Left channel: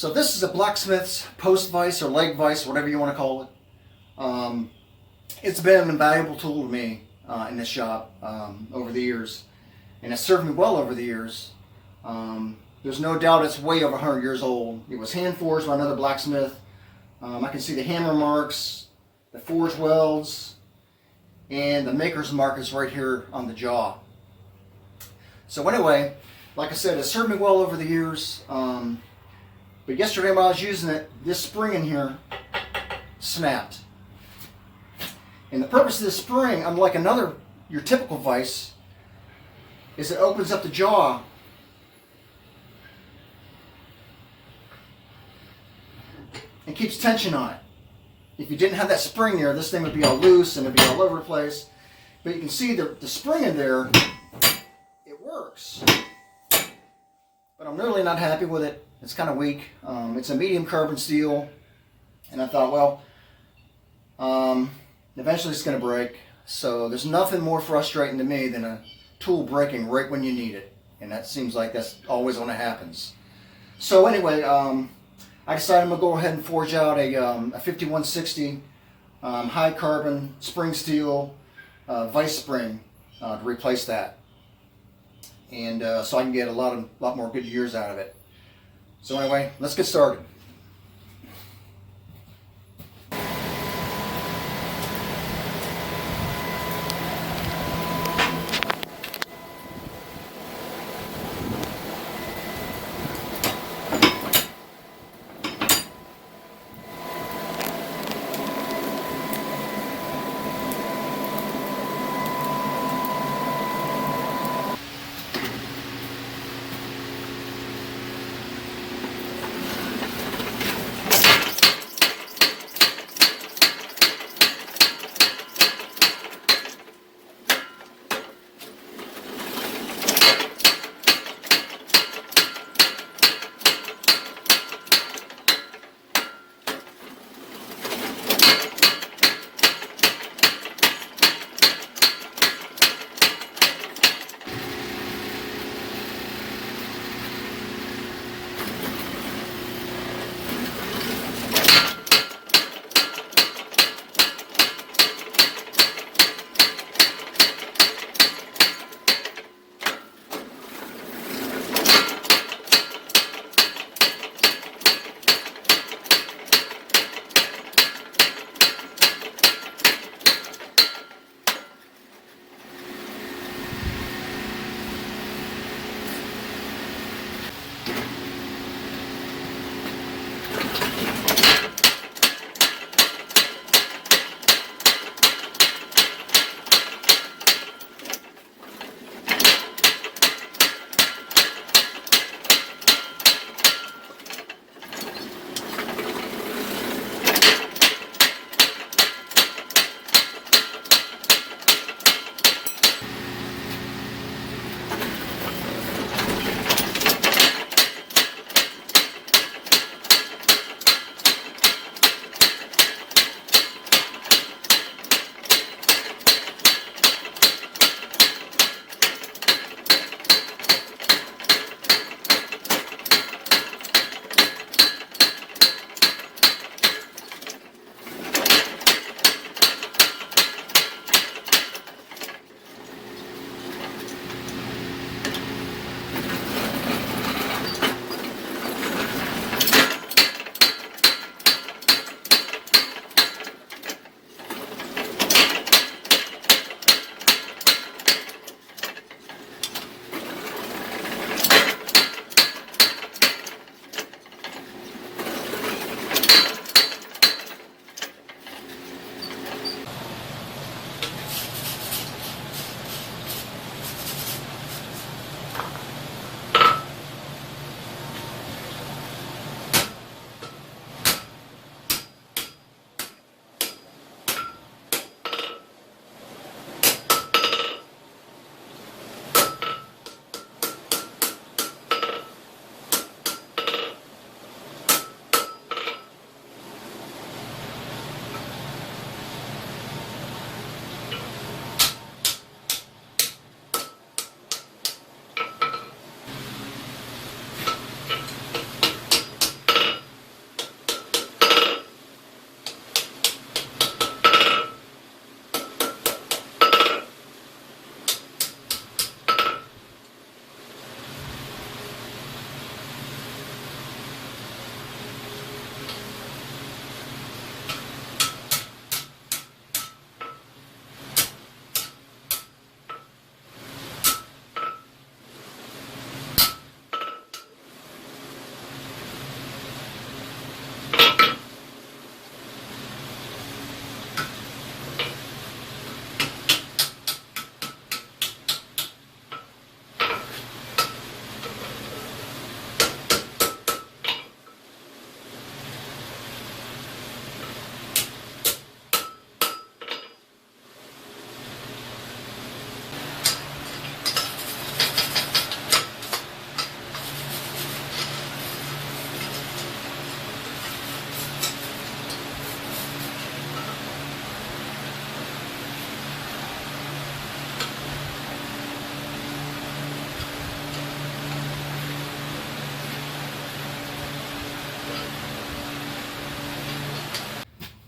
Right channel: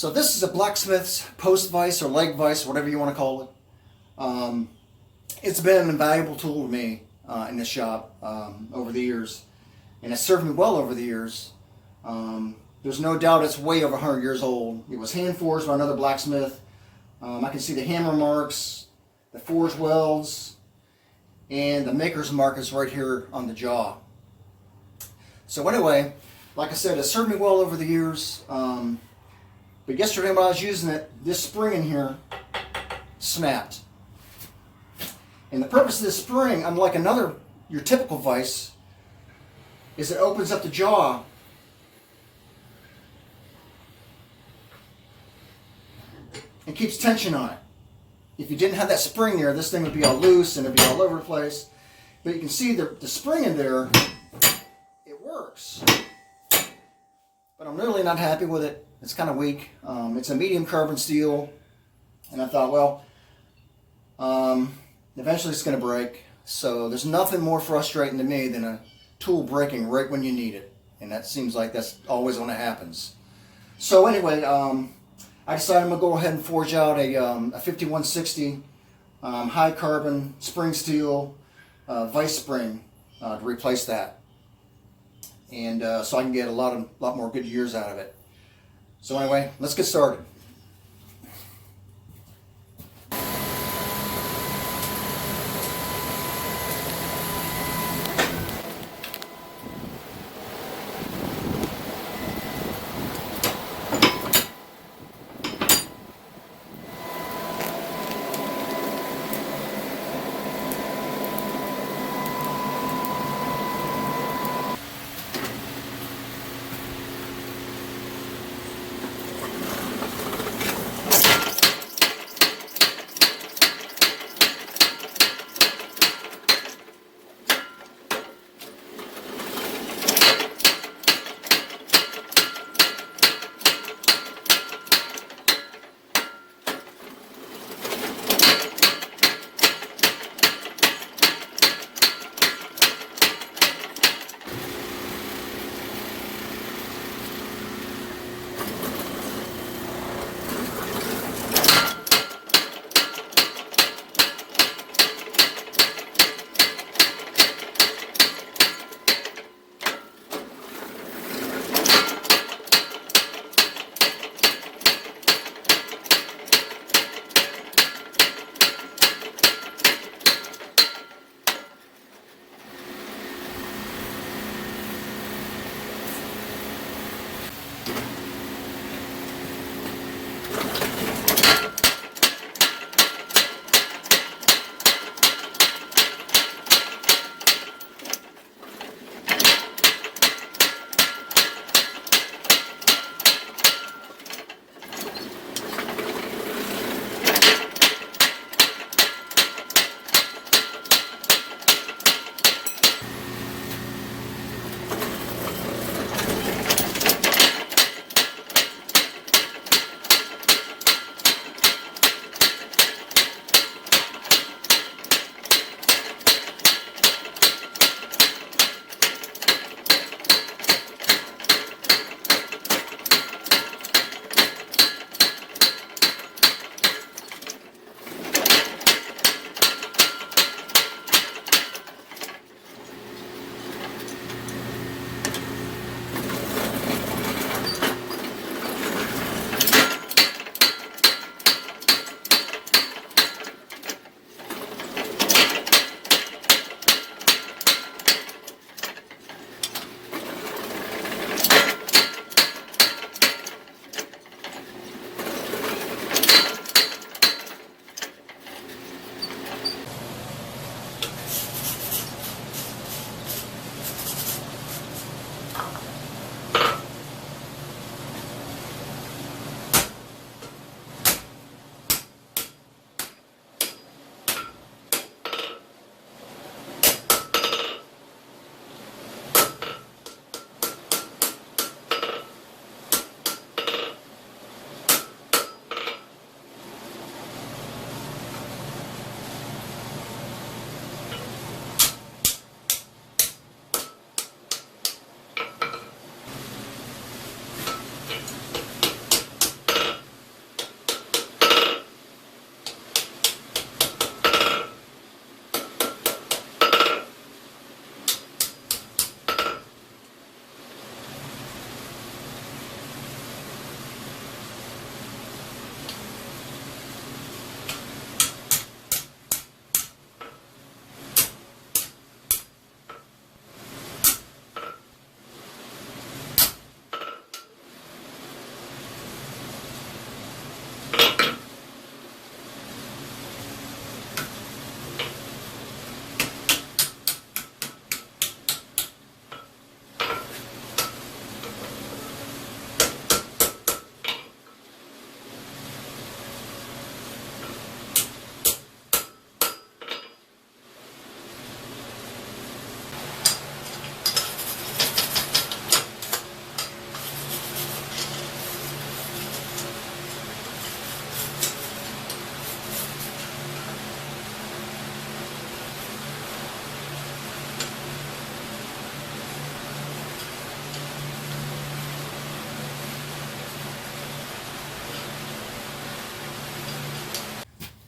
So this is a Blacksmiths post vise or leg vise, whatever you want to call it. It's been an invaluable tool to me in this shop over the years, and it's served me well over the years. There's no doubt it's way over 100 years old. It was hand forged by another blacksmith. I can see the hammer marks, the forge welds, and the maker's mark is right here on the jaw. So anyway, like I said, it served me well over the years. But yesterday when I was using it, this spring in here snapped. And the purpose of this spring, unlike your typical vise, is it opens up the jaw and keeps tension on it. If you didn't have that spring there, this thing would be all loose and it'd be all over the place. But you can see the spring in there, it works. But I'm really not happy with it. It's kind of weak. It's a medium carbon steel. And I thought, well, eventually it's going to break. So there's nothing more frustrating to me than a tool breaking right when you need it. And that seems like that's always when it happens. So anyway, I decided I'm going to go ahead and forge out a 5160 high carbon spring steel vise spring to replace that. And so I can get a lot more good years out of it. So anyway, let's get started.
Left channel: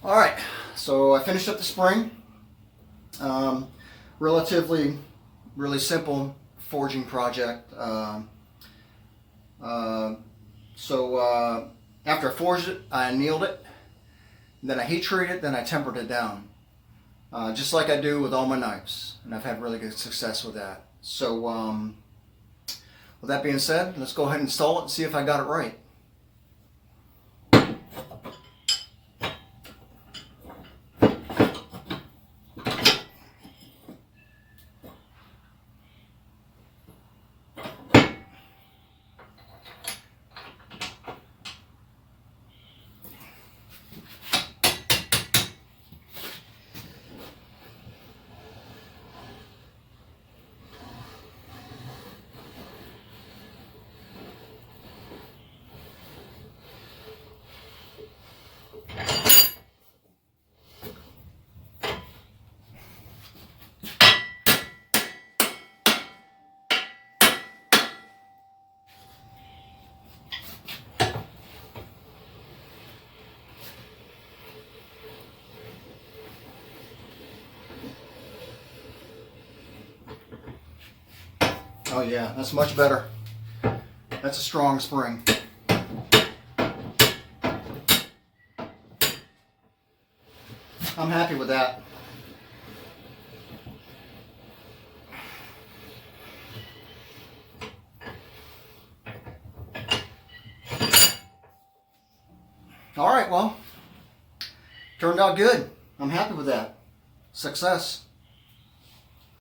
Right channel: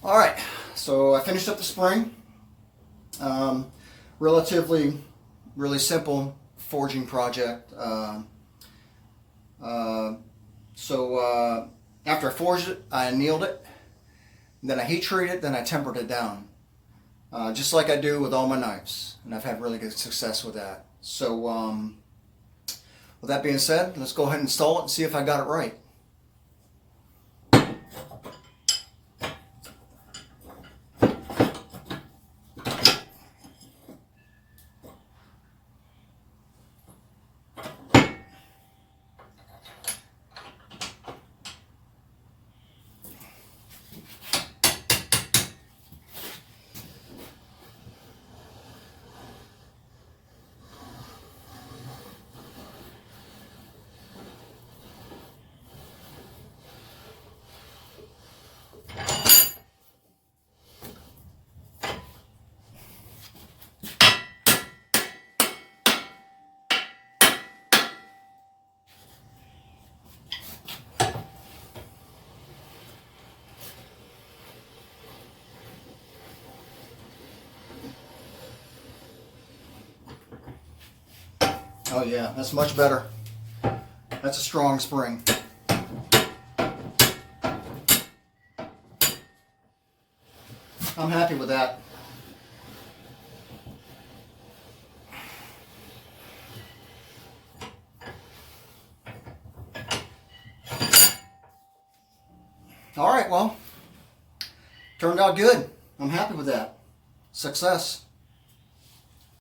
All right, so I finished up the spring. Relatively, really simple forging project. After I forged it, I annealed it, then I heat treated it, then I tempered it down, just like I do with all my knives, and I've had really good success with that. So, with that being said, let's go ahead and install it and see if I got it right. Oh yeah, that's much better. That's a strong spring. I'm happy with that. All right, well, turned out good. I'm happy with that. Success.